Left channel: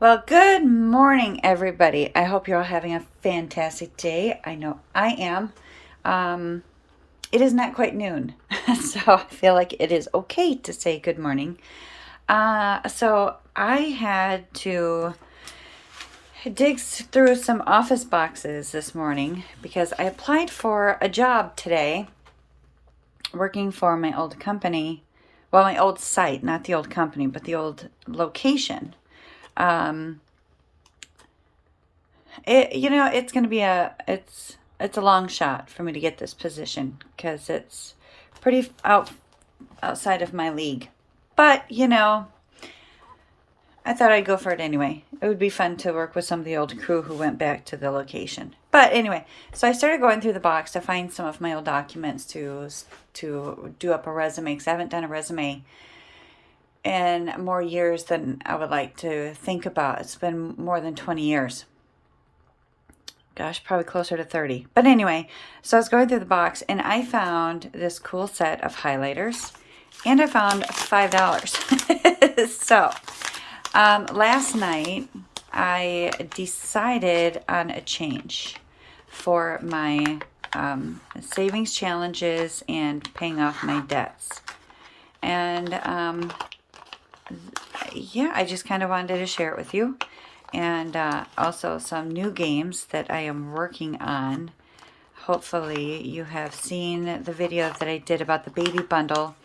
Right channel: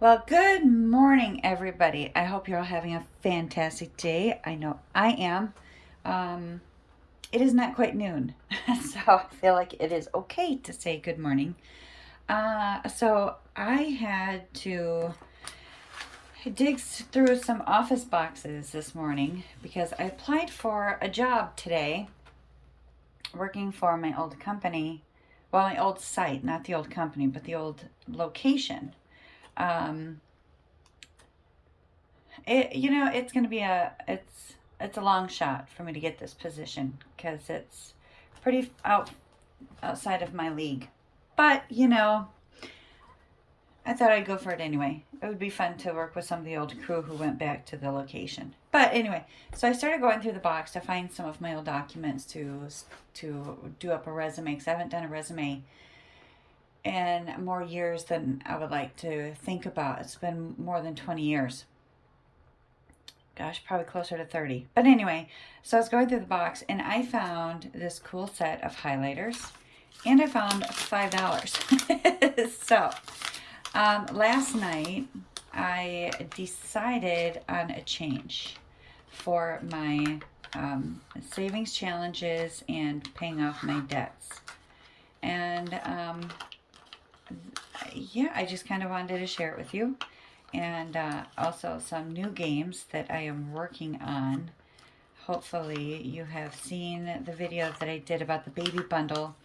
Well, good morning, everybody. I hope you're all having a fantastic day. I know I am. Um, it is not quite noon, so I feel like it is okay to say good morning. So I had to through some office boxes this morning because I applied for a job today working for my old company. Well, my old site, not the old company, but the old location. Um, it's going to be it's a long shot for me to get this position because it's pretty outside of my league. But I thought I'd go for it anyway. It would be fun to work with some of the old crew who went back to the location. But anyway, so I started going through the box to find some of my old documents to do up a resume because I haven't done a resume in more years than I would like to think about. It's been more than 20 years. Gosh, probably closer to 30. But anyway, so I was going through the box and I found this cool set of highlighters and I found $5. So last night I decided on a change for my savings challenges and paying off my debts. And yeah, I just kind of wanted to share it with you. And also some new games that I am working on. Hopefully you have seen the video that I did about the baby bundle.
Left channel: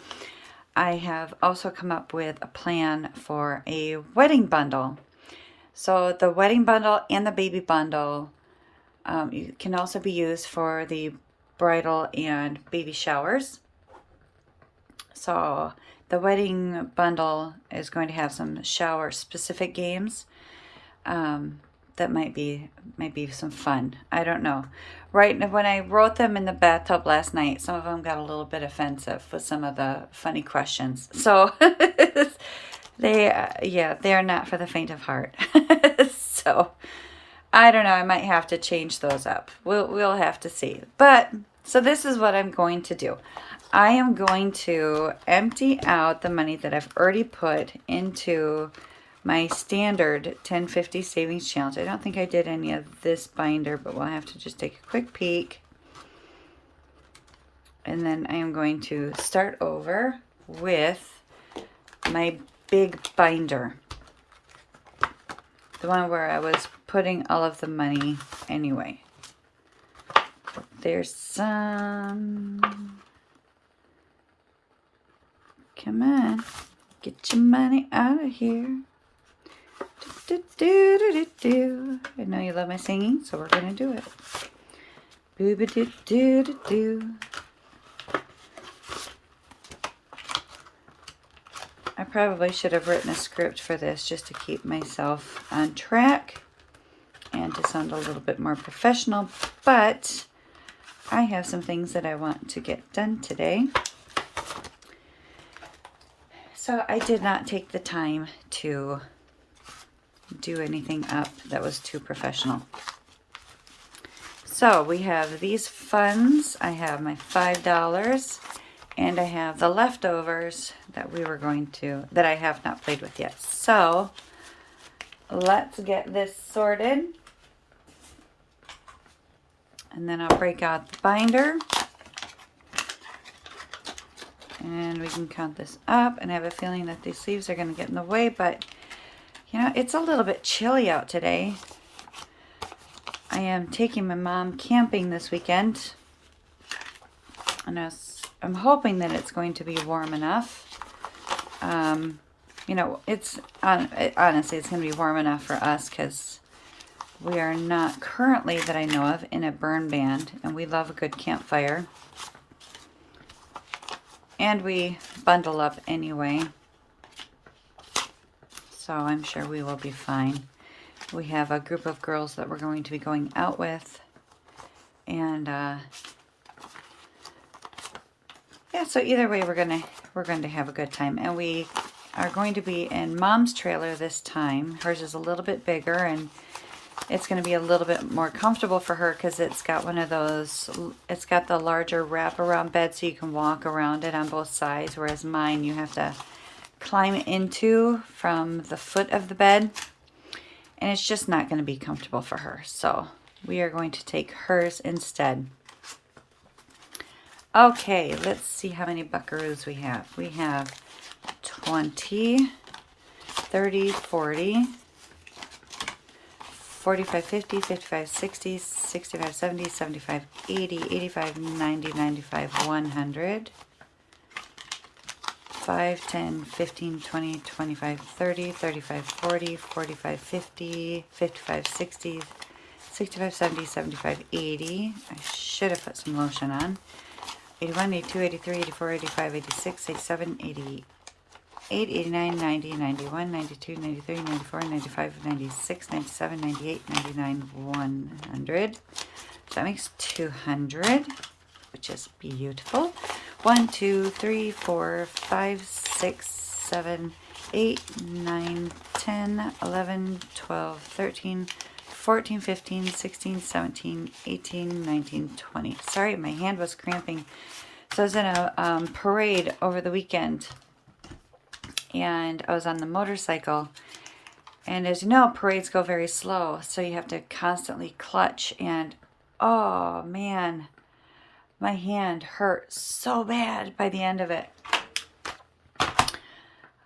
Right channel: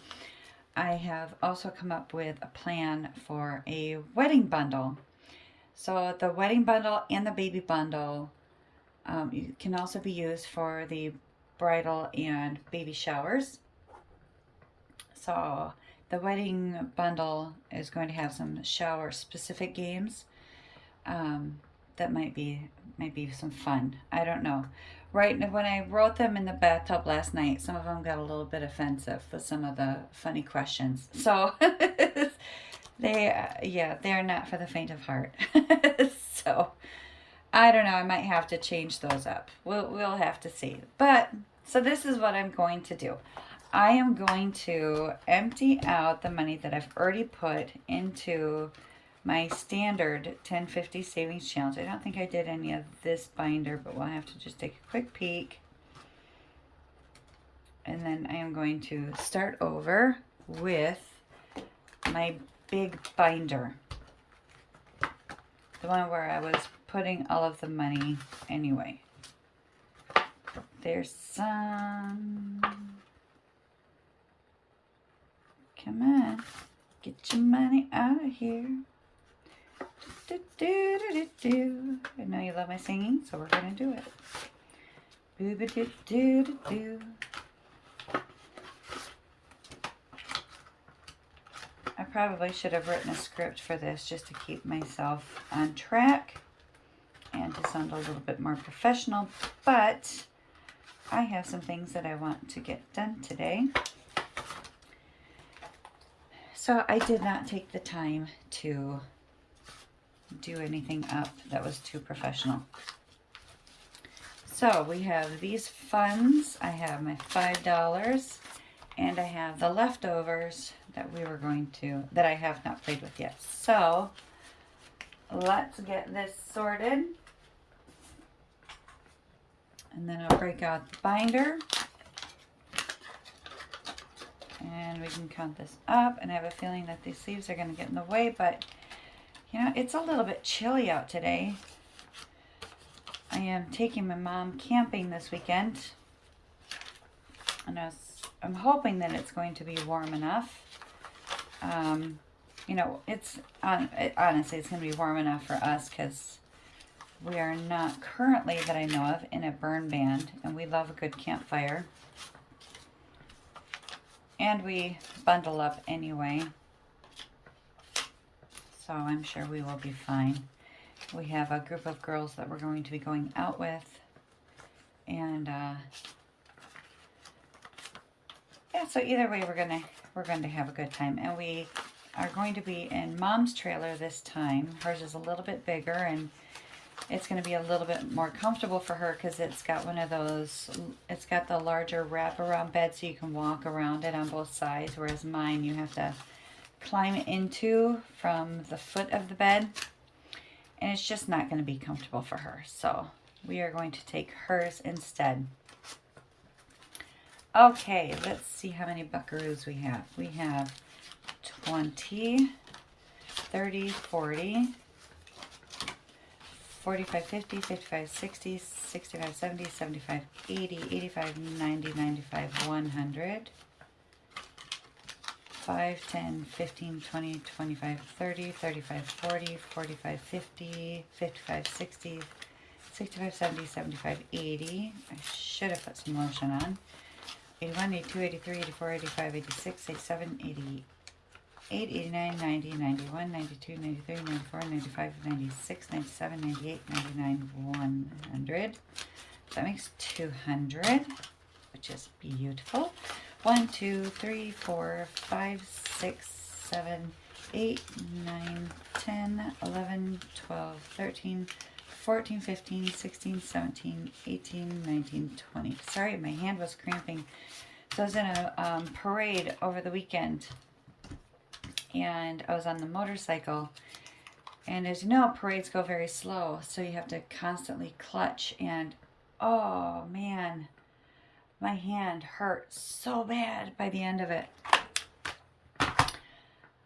I have also come up with a plan for a wedding bundle. So the wedding bundle and the baby bundle can also be used for the bridal and baby showers. So the wedding bundle is going to have some shower specific games. That might be some fun. I don't know. Right when I wrote them in the bathtub last night, some of them got a little bit offensive with some of the funny questions. So they are not for the faint of heart. So I don't know. I might have to change those up. We'll have to see. But so this is what I'm going to do. I am going to empty out the money that I've already put into my standard 1050 savings challenge. I don't think I did any of this binder, but we'll have to just take a quick peek. And then I am going to start over with my big binder. The one where I was putting all of the money anyway. There's some... Come on. Get your money out of here. Do, do, do, do, do. I know you love my singing, so we're going to do it. Do, do, do, do, do, do. I probably should have written a script for this just to keep myself on track and to sound a little bit more professional, but I have some things that I want to get done today. So I did not take the time to do anything up that was too professional. So we have these funds. I have my $5 and I have the leftovers that that I have not played with yet. So let's get this sorted. And then I'll break out the binder. And we can count this up, and I have a feeling that these sleeves are going to get in the way, but it's a little bit chilly out today. I am taking my mom camping this weekend, and I'm hoping that it's going to be warm enough. It's honestly, it's going to be warm enough for us because we are not currently, that I know of, in a burn ban, and we love a good campfire. And we bundle up anyway, so I'm sure we will be fine. We have a group of girls that we're going to be going out with, and yeah. So either way, we're going to have a good time, and we are going to be in Mom's trailer this time. Hers is a little bit bigger, and it's going to be a little bit more comfortable for her because it's got it's got the larger wraparound bed so you can walk around it on both sides, whereas mine you have to climb into from the foot of the bed. and it's just not going to be comfortable for her. So we are going to take hers instead. Okay, let's see how many buckaroos we have. We have 20, 30, 40, 45, 50, 55, 60, 65, 70, 75, 80, 85, 90, 95, 100. 5, 10, 15, 20, 25, 30, 35, 40, 45, 50, 55, 60, 65, 70, 75, 80. I should have put some lotion on. 81, 82, 83, 84, 85, 86, 87, 88, 89, 90, 91, 92, 93, 94, 95, 96, 97, 98, 99, 100. So that makes 200, which is beautiful. 1, 2, 3, 4, 5, 6, 7, 8, 9, 10, 11, 12, 13, 14, 15, 16, 17, 18, 19, 20. Sorry, my hand was cramping. So I was in a parade over the weekend, and I was on the motorcycle. And as you know, parades go very slow, so you have to constantly clutch. And oh man, my hand hurt so bad by the end of it.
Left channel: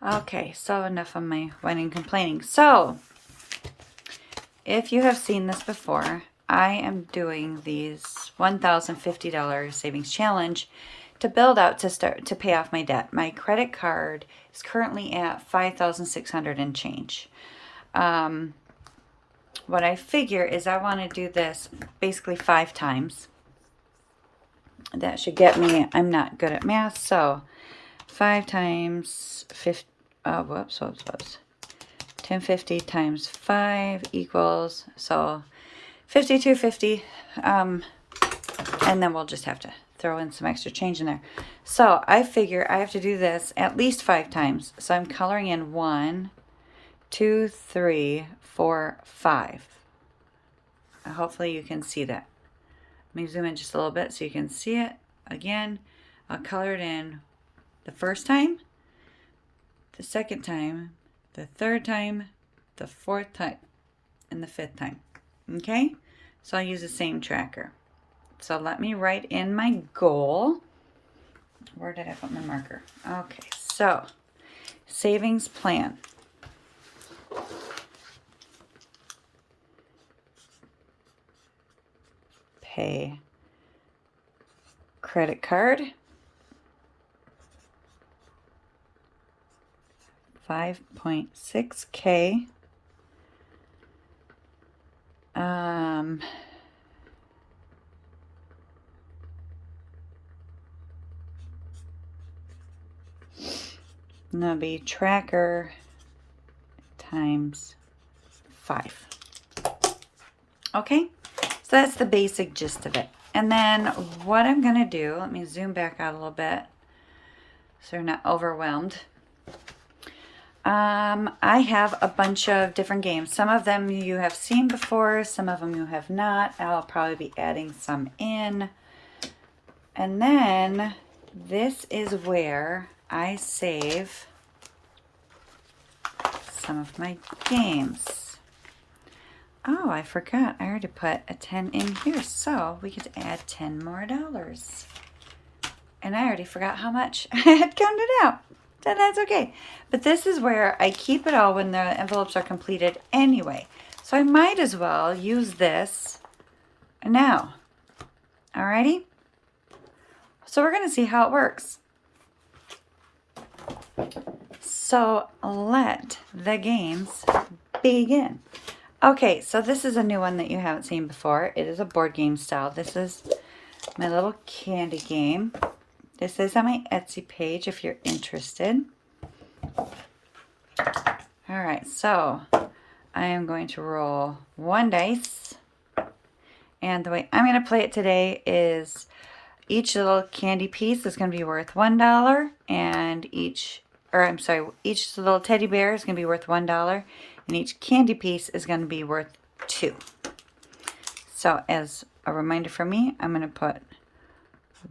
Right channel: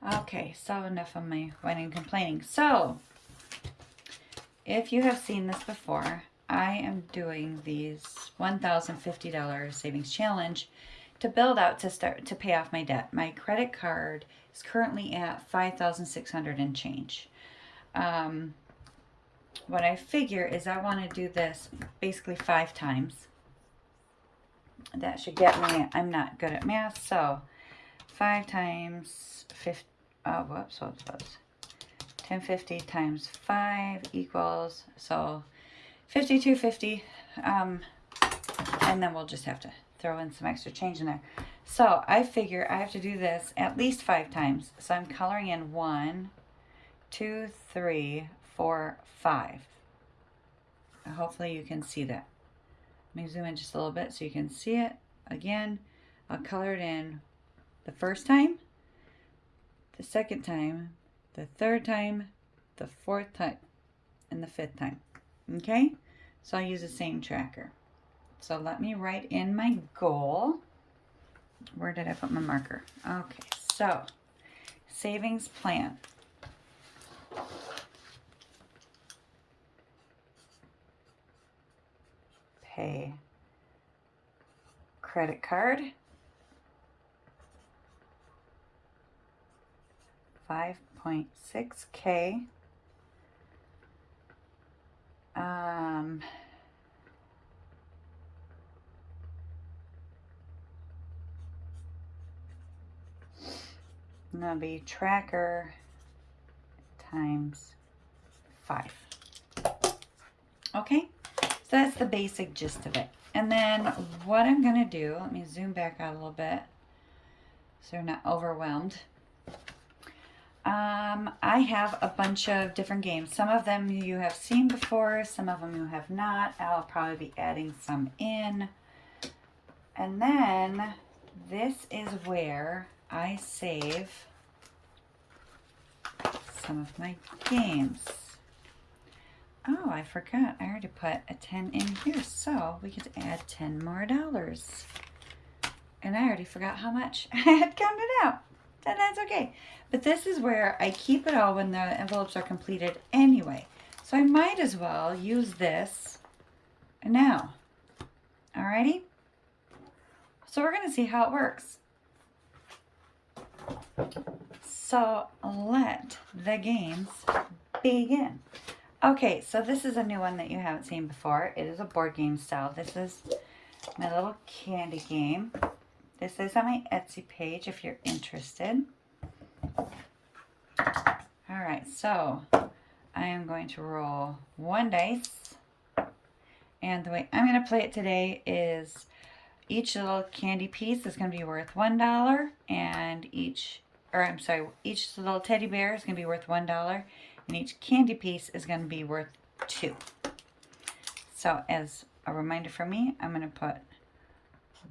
Okay, so enough of my whining and complaining. So, if you have seen this before, I am doing these $1,050 savings challenge to build out to pay off my debt. My credit card is currently at $5,600 and change. What I figure is I want to do this basically 5 times. That should get me, I'm not good at math, so 5 times 50, 1050 times 5 equals, so 5250, and then we'll just have to throw in some extra change in there. So I figure I have to do this at least 5 times. So I'm coloring in 1, 2, 3, 4, 5. Hopefully you can see that. Let me zoom in just a little bit so you can see it. Again, I'll color it in the first time, the second time, the third time, the fourth time, and the 5th time. Okay? So I'll use the same tracker. So let me write in my goal. Where did I put my marker? Okay, so savings plan. Pay credit card. 5.6K. And that'll be tracker times 5. Okay, so that's the basic gist of it. And then what I'm going to do, let me zoom back out a little bit so you're not overwhelmed. I have a bunch of different games. Some of them you have seen before, some of them you have not. I'll probably be adding some in. And then this is where I save some of my games. Oh, I forgot. I already put a 10 in here, so we could add $10 more. And I already forgot how much I had counted out. So that's okay. But this is where I keep it all when the envelopes are completed anyway. So I might as well use this now. Alrighty? So we're going to see how it works. So let the games begin. Okay, so this is a new one that you haven't seen before. It is a board game style. This is my little candy game. This is on my Etsy page if you're interested. All right, so I am going to roll 1 dice. And the way I'm going to play it today is each little candy piece is going to be worth $1, and each little teddy bear is going to be worth $1, and each candy piece is going to be worth $2. So as a reminder for me, I'm going to put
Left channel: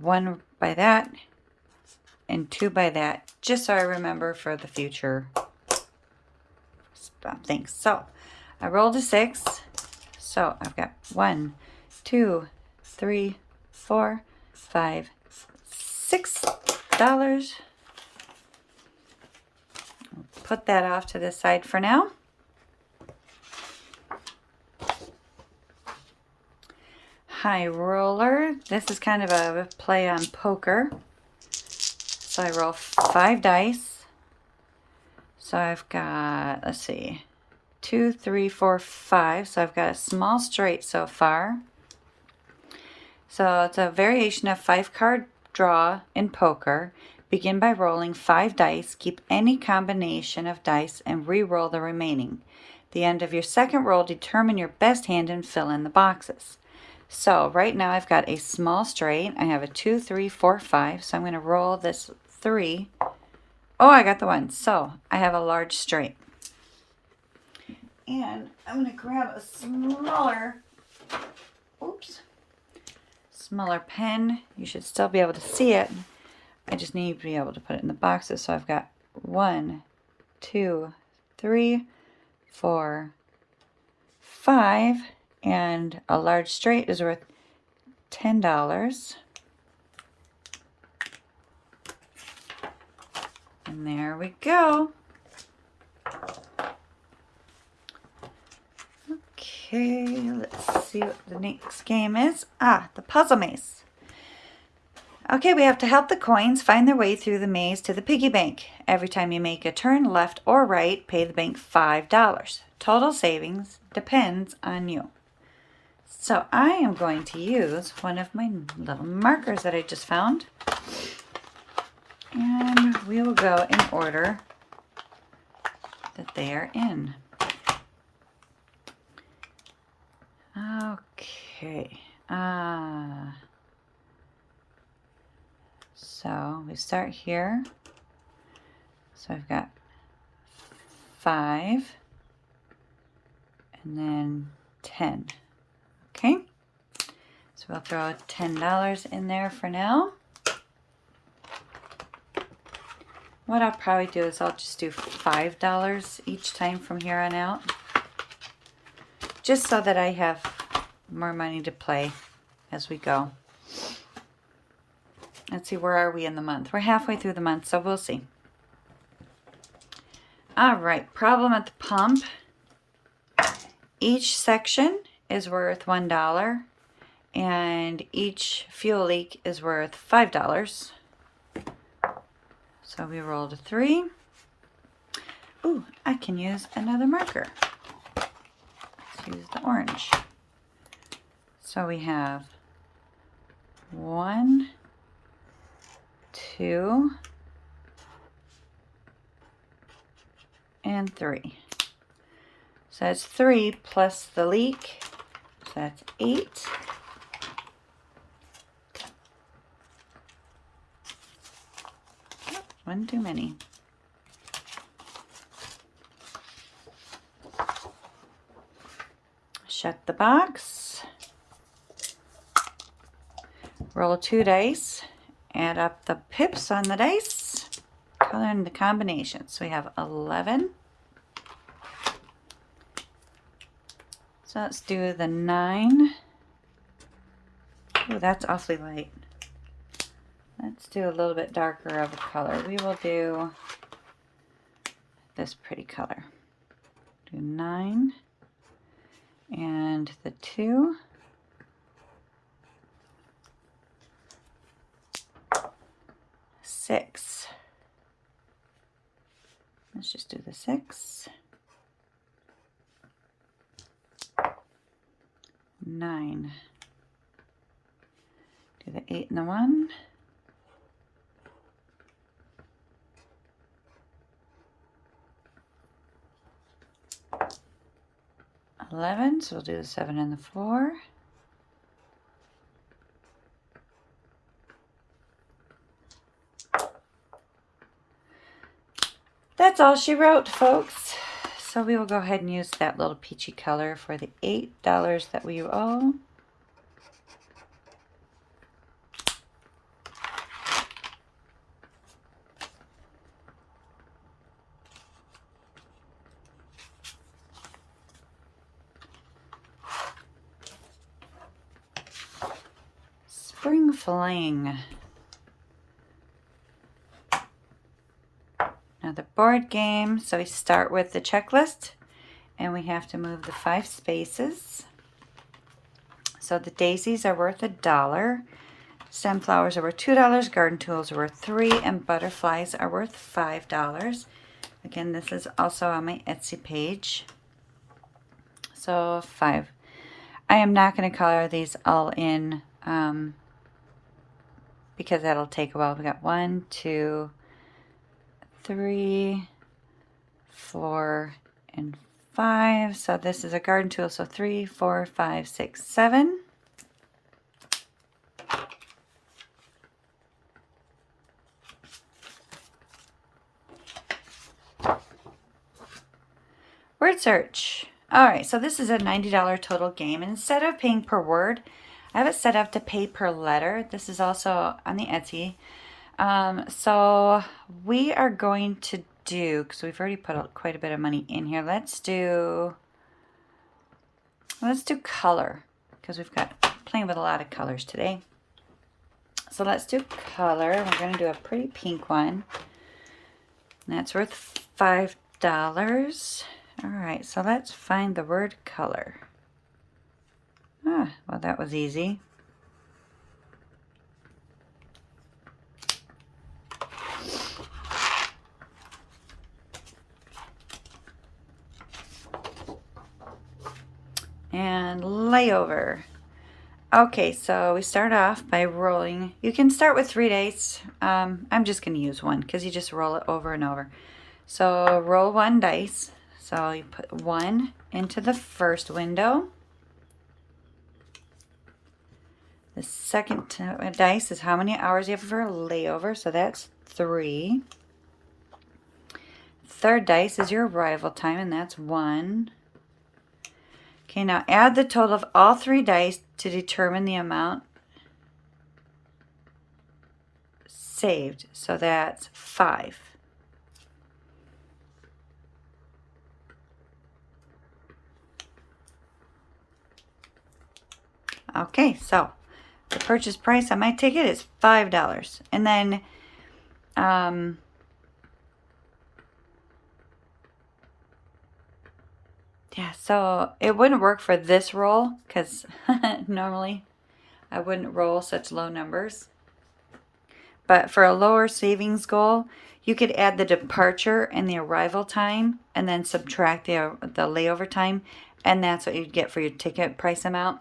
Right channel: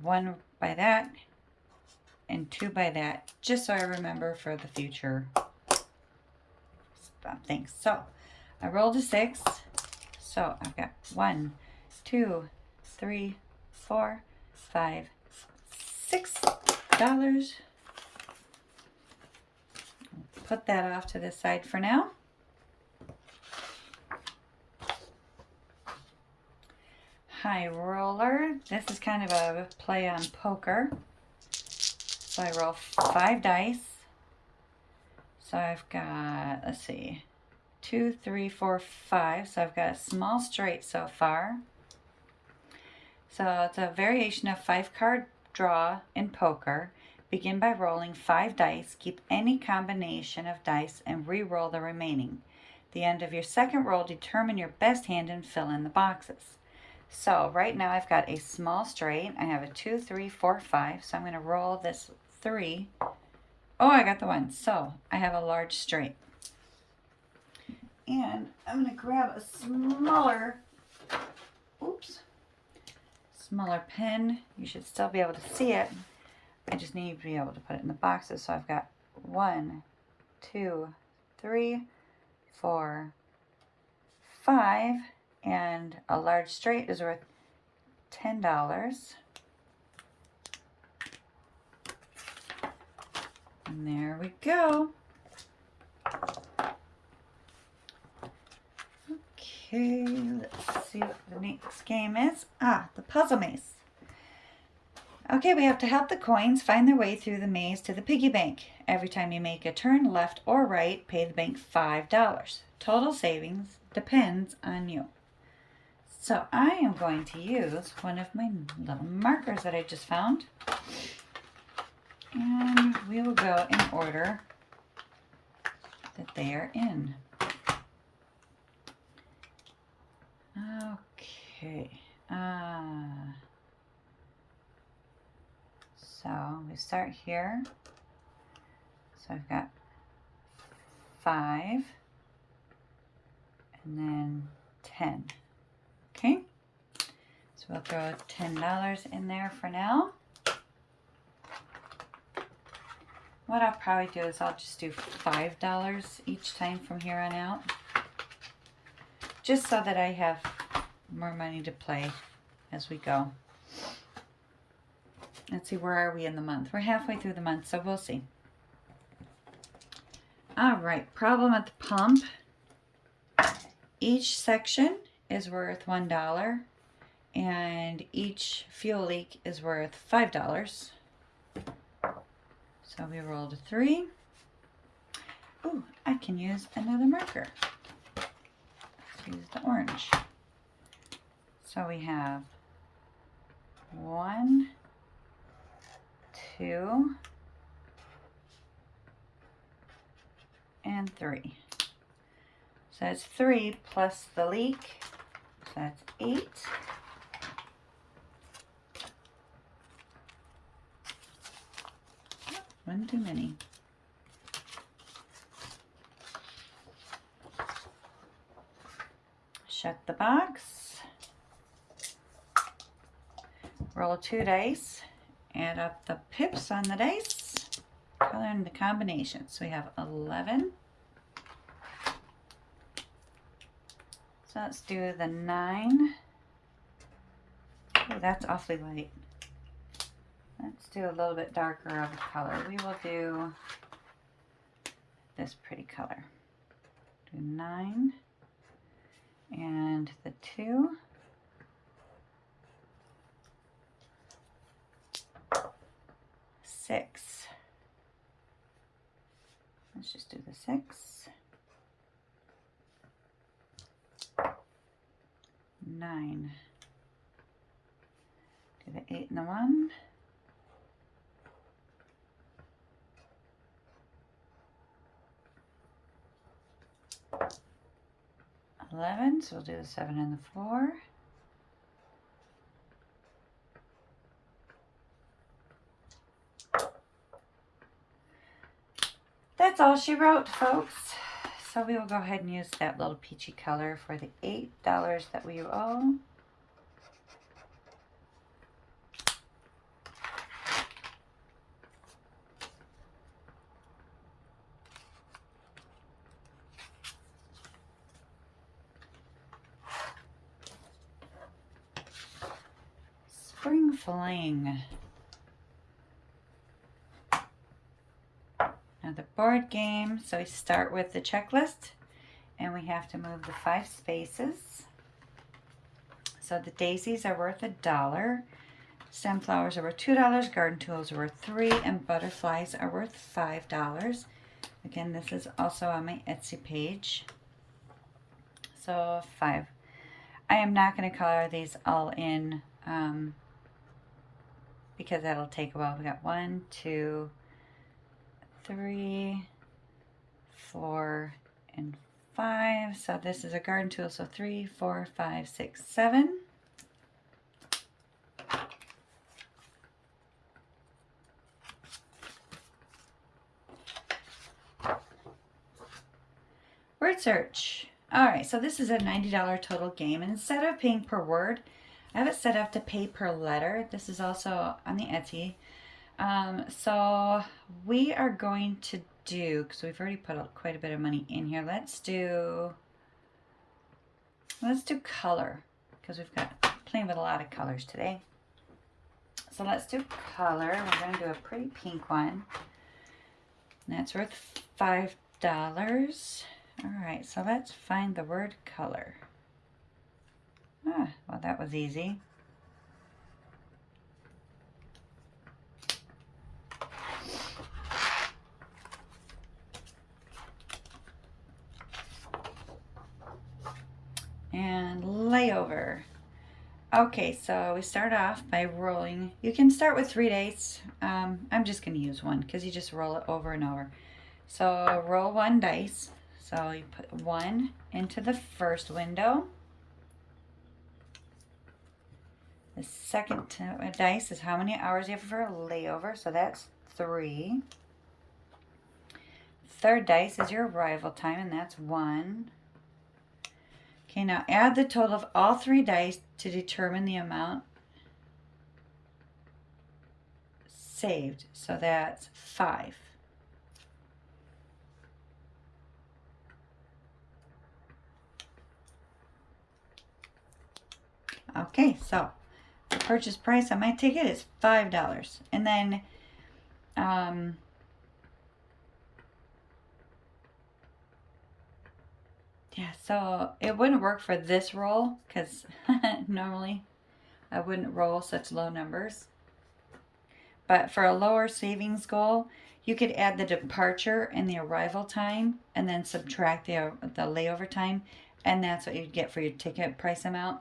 1 by that and 2 by that, just so I remember for the future things. So I rolled a 6. So I've got 1, 2, 3, 4, 5, $6. Put that off to the side for now. High roller. This is kind of a play on poker. So I roll 5 dice. So I've got, let's see, 2, 3, 4, 5. So I've got a small straight so far. So it's a variation of 5-card draw in poker. Begin by rolling 5 dice. Keep any combination of dice and re-roll the remaining. At the end of your second roll, determine your best hand and fill in the boxes. So right now I've got a small straight. I have a 2, 3, 4, 5. So I'm going to roll this 3. Oh, I got the 1. So I have a large straight. And I'm going to grab a smaller pen. You should still be able to see it. I just need to be able to put it in the boxes. So I've got 1, 2, 3, 4, 5. And a large straight is worth $10. And there we go. Okay, let's see what the next game is. The puzzle maze. Okay, we have to help the coins find their way through the maze to the piggy bank. Every time you make a turn left or right, pay the bank $5. Total savings depends on you. So I am going to use one of my little markers that I just found. And we will go in order that they are in. Okay. So we start here. So I've got 5 and then 10. Okay. So we'll throw $10 in there for now. What I'll probably do is I'll just do $5 each time from here on out. Just so that I have more money to play as we go. Let's see, where are we in the month? We're halfway through the month, so we'll see. All right, problem at the pump. Each section is worth $1, and each fuel leak is worth $5. So we rolled a 3. Ooh, I can use another marker. Let's use the orange. So we have 1, 2, and 3. So that's 3 plus the leak. So that's 8. One too many. Shut the box. Roll 2 dice. Add up the pips on the dice. Color in the combinations. So we have 11. So let's do the 9. Ooh, that's awfully light. Let's do a little bit darker of a color. We will do this pretty color. Do 9 and the 2. 6. Let's just do the 6. 9. Do the 8 and the 1. 11, so we'll do the 7 and the 4. That's all she wrote, folks. So we will go ahead and use that little peachy color for the $8 that we owe. Fling. Now the board game, so we start with the checklist and we have to move the 5 spaces. So the daisies are worth $1. Sunflowers are worth $2, garden tools are worth $3, and butterflies are worth $5. Again, this is also on my Etsy page. So 5. I am not going to color these all in because that'll take a while. We got 1, 2, 3, 4, and 5. So this is a garden tool. So 3, 4, 5, 6, 7. Word search. All right, so this is a $90 total game, and instead of paying per word, I have it set up to pay per letter. This is also on the Etsy. So we are going to do, because we've already put quite a bit of money in here, let's do color, because we've got playing with a lot of colors today. So let's do color. We're going to do a pretty pink one. And that's worth $5. All right, so let's find the word color. Well, that was easy. And layover. Okay, so we start off by rolling. You can start with 3 dice. I'm just going to use 1 because you just roll it over and over. So roll 1 dice. So you put 1 into the first window. The second dice is how many hours you have for a layover. So that's 3. Third dice is your arrival time, and that's 1. Okay, now add the total of all 3 dice to determine the amount saved. So that's 5. Okay, so the purchase price on my ticket is $5. And then yeah, so it wouldn't work for this roll because normally I wouldn't roll such low numbers. But for a lower savings goal, you could add the departure and the arrival time and then subtract the layover time, and that's what you'd get for your ticket price amount.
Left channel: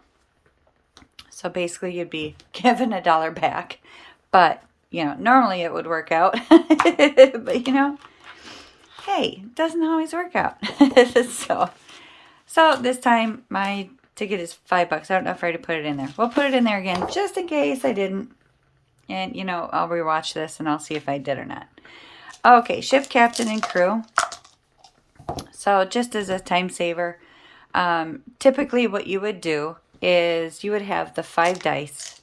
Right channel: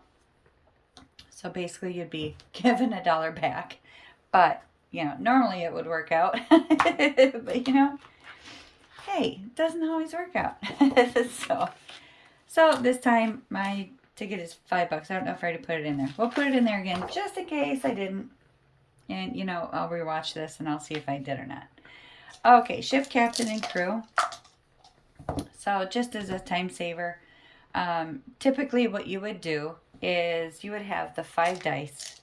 So basically you'd be given $1 back. But, you know, normally it would work out. But, you know, hey, it doesn't always work out. So this time my ticket is $5. I don't know if I already put it in there. We'll put it in there again just in case I didn't. And, you know, I'll rewatch this and I'll see if I did or not. Okay, ship captain and crew. So just as a time saver, typically what you would do is you would have the 5 dice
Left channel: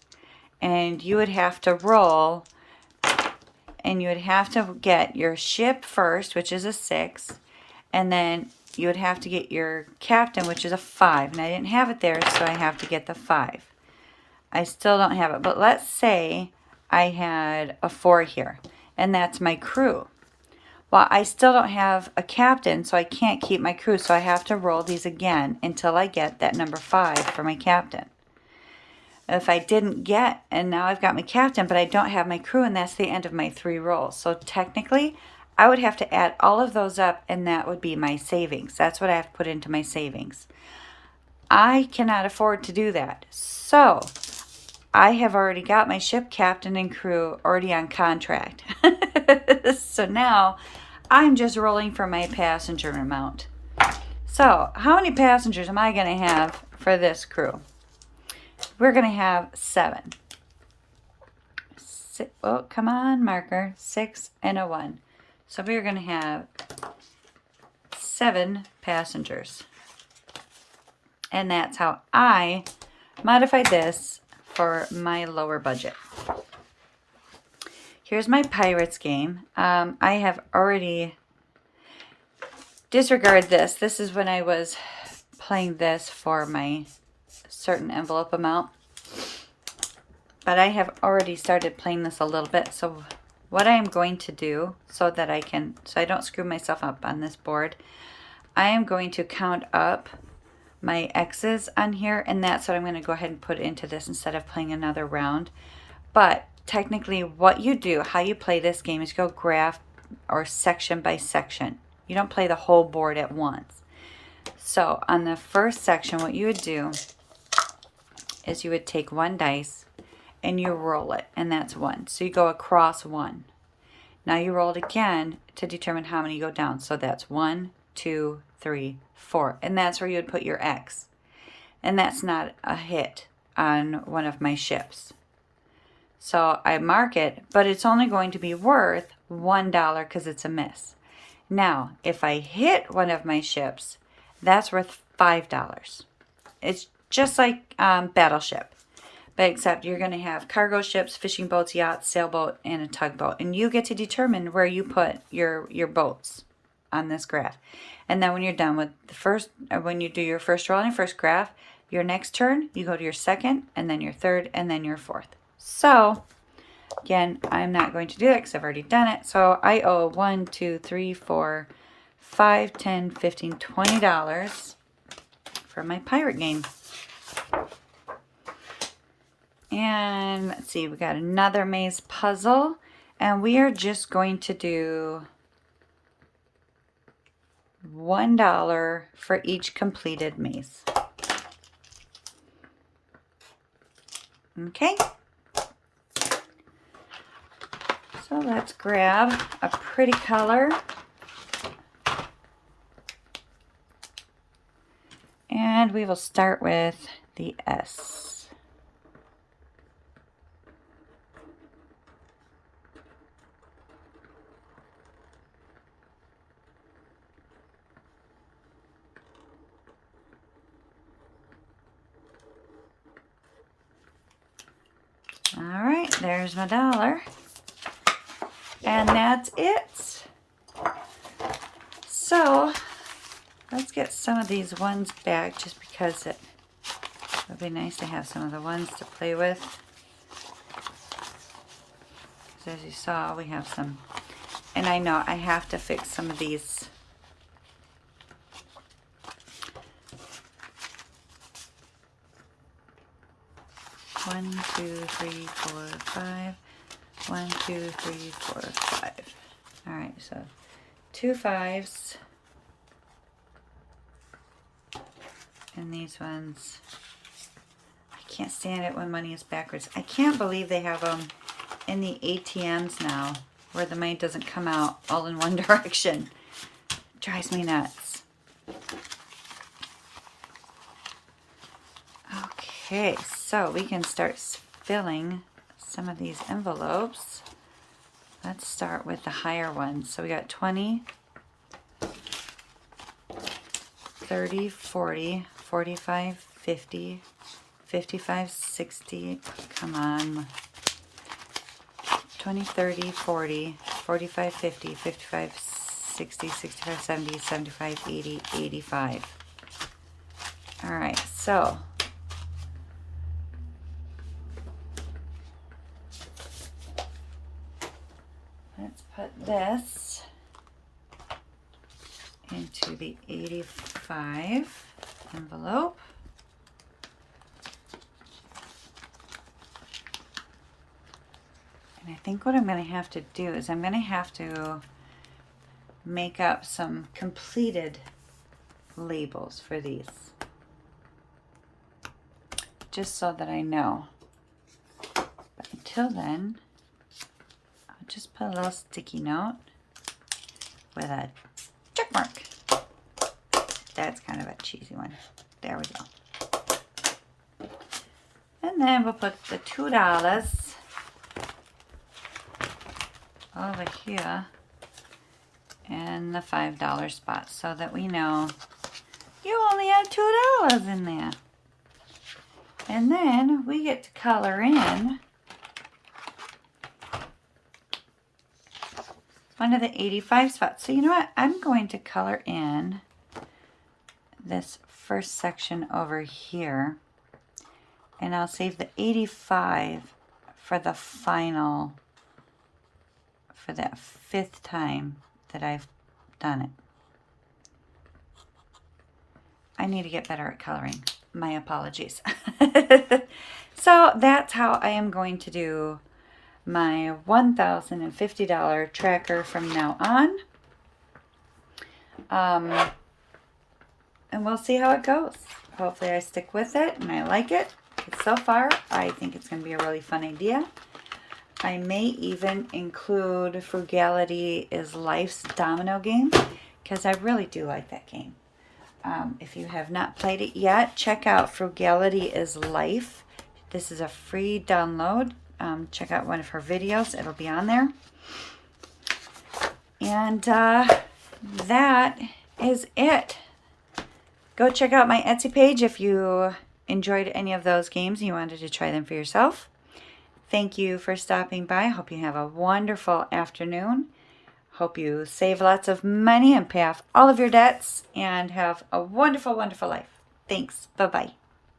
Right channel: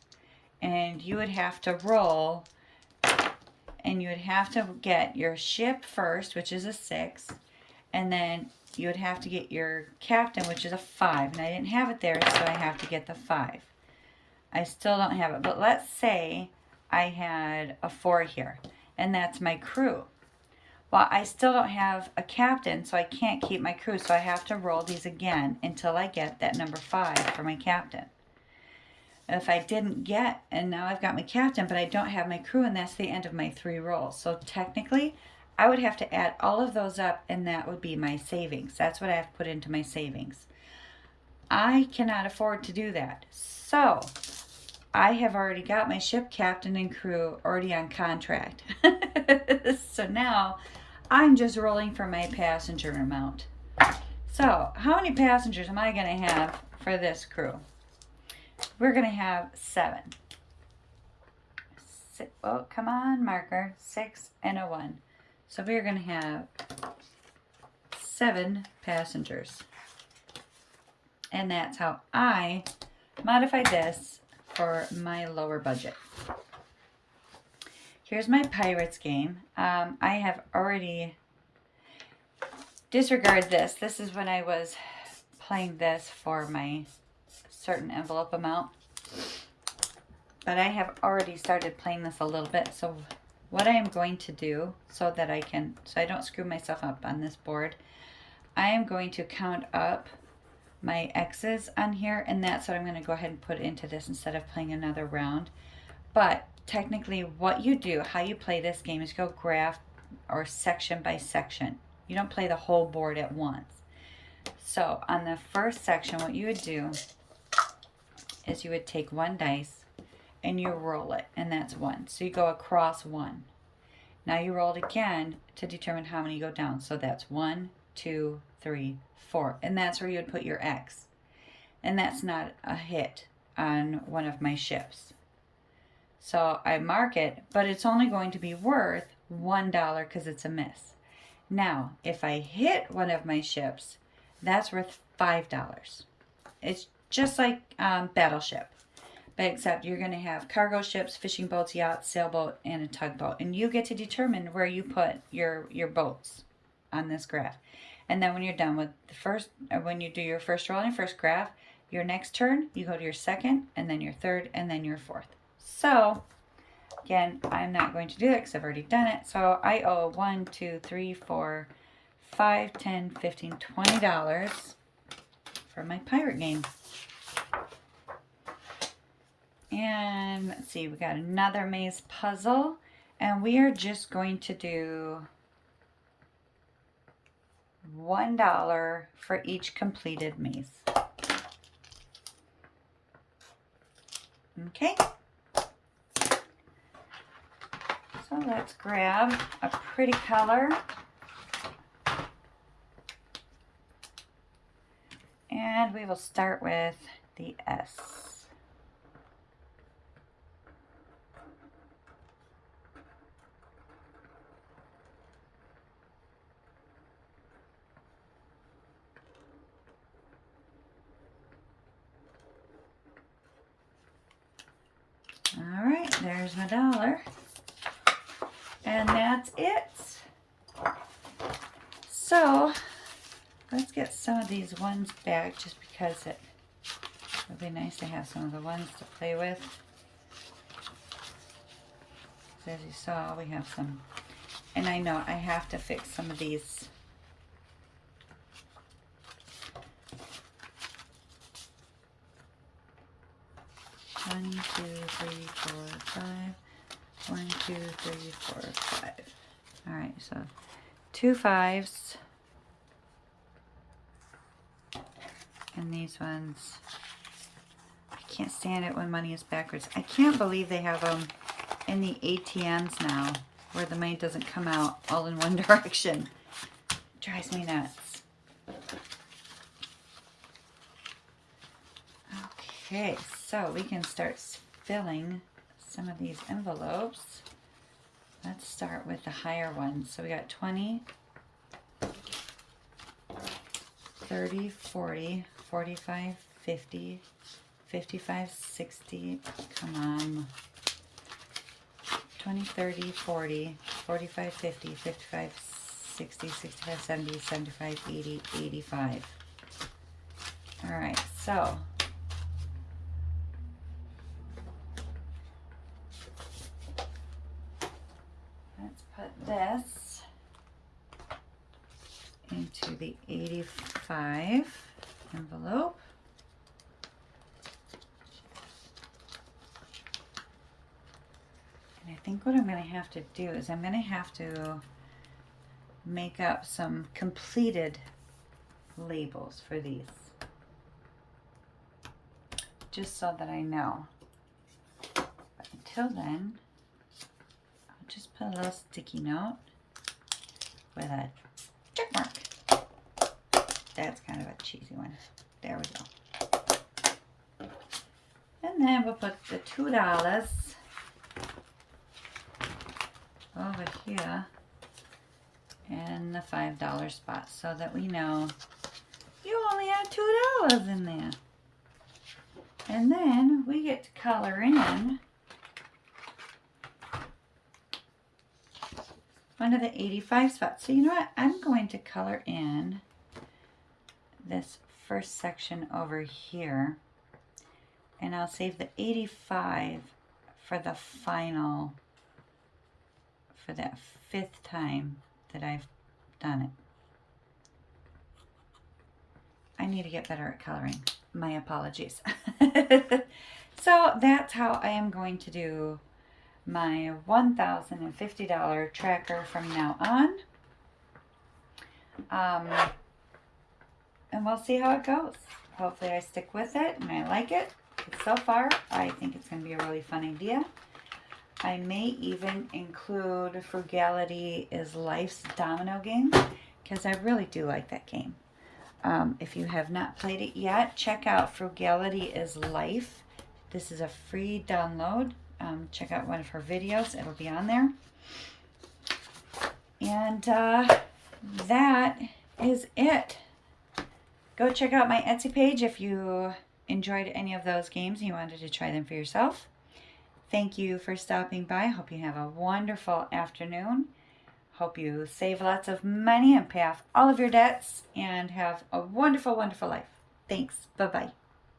and you would have to roll and you would have to get your ship first, which is a 6, and then you would have to get your captain, which is a 5, and I didn't have it there, so I have to get the 5. I still don't have it, but let's say I had a 4 here, and that's my crew. Well, I still don't have a captain, so I can't keep my crew, so I have to roll these again until I get that number 5 for my captain. If I didn't get, and now I've got my captain, but I don't have my crew, and that's the end of my 3 rolls. So technically, I would have to add all of those up, and that would be my savings. That's what I have to put into my savings. I cannot afford to do that. So I have already got my ship captain and crew already on contract. So now I'm just rolling for my passenger amount. So how many passengers am I going to have for this crew? We're going to have 7. Oh, come on, marker. 6 and a 1. So we're going to have 7 passengers. And that's how I modified this for my lower budget. Here's my Pirates game. I have already disregard this. This is when I was playing this for my certain envelope amount. but I have already started playing this a little bit. So what I am going to do so I don't screw myself up on this board, I am going to count up my X's on here, and that's what I'm going to go ahead and put into this instead of playing another round. But technically what you do, how you play this game, is go graph or section by section. You don't play the whole board at once. So on the first section, what you would do is you would take one dice and you roll it, and that's 1. So you go across 1. Now you roll it again to determine how many go down. So that's 1, 2, 3, 4. And that's where you would put your X. And that's not a hit on one of my ships. So I mark it, but it's only going to be worth $1 because it's a miss. Now, if I hit one of my ships, that's worth $5. It's just like Battleship. But except you're going to have cargo ships, fishing boats, yachts, sailboat, and a tugboat. And you get to determine where you put your boats on this graph. And then when you're done with the first, when you do your first roll and your first graph, your next turn, you go to your second, and then your third, and then your fourth. So, again, I'm not going to do that because I've already done it. So I owe $1, 2, 3, 4, 5, 10, 15, $20 for my pirate game. And let's see, we got another maze puzzle, and we are just going to do $1 for each completed maze. Okay. So let's grab a pretty color. And we will start with the S. All right, there's my $1. And that's it. So let's get some of these ones back just because it would be nice to have some of the ones to play with. Because as you saw, we have some, and I know I have to fix some of these. One, 2, 3, 4, 5. 1, 2, 3, 4, 5. All right, so 2 5s. And these ones, I can't stand it when money is backwards. I can't believe they have them in the ATMs now, where the money doesn't come out all in one direction. It drives me nuts. Okay, so we can start filling some of these envelopes. Let's start with the higher ones. So we got 20, 30, 40, 45, 50, 55, 60. Come on. 20, 30, 40, 45, 50, 55, 60, 65, 70, 75, 80, 85. All right, so let's put this into the 85 envelope. And I think what I'm going to have to do is I'm going to have to make up some completed labels for these, just so that I know. But until then, I'll just put a little sticky note with a check mark. That's kind of a cheesy one. There we go. And then we'll put the $2 over here in the $5 spot so that we know you only have $2 in there. And then we get to color in one of the 85 spots. So you know what? I'm going to color in this first section over here, and I'll save the 85 for the final, for that 5th time that I've done it. I need to get better at coloring. My apologies. So that's how I am going to do my $1,050 tracker from now on. And we'll see how it goes. Hopefully I stick with it and I like it. So far, I think it's going to be a really fun idea. I may even include Frugality is Life's domino game, because I really do like that game. If you have not played it yet, check out Frugality is Life. This is a free download. Check out one of her videos. It'll be on there. And that is it. Go check out my Etsy page if you enjoyed any of those games and you wanted to try them for yourself. Thank you for stopping by. I hope you have a wonderful afternoon. Hope you save lots of money and pay off all of your debts and have a wonderful, wonderful life. Thanks. Bye-bye.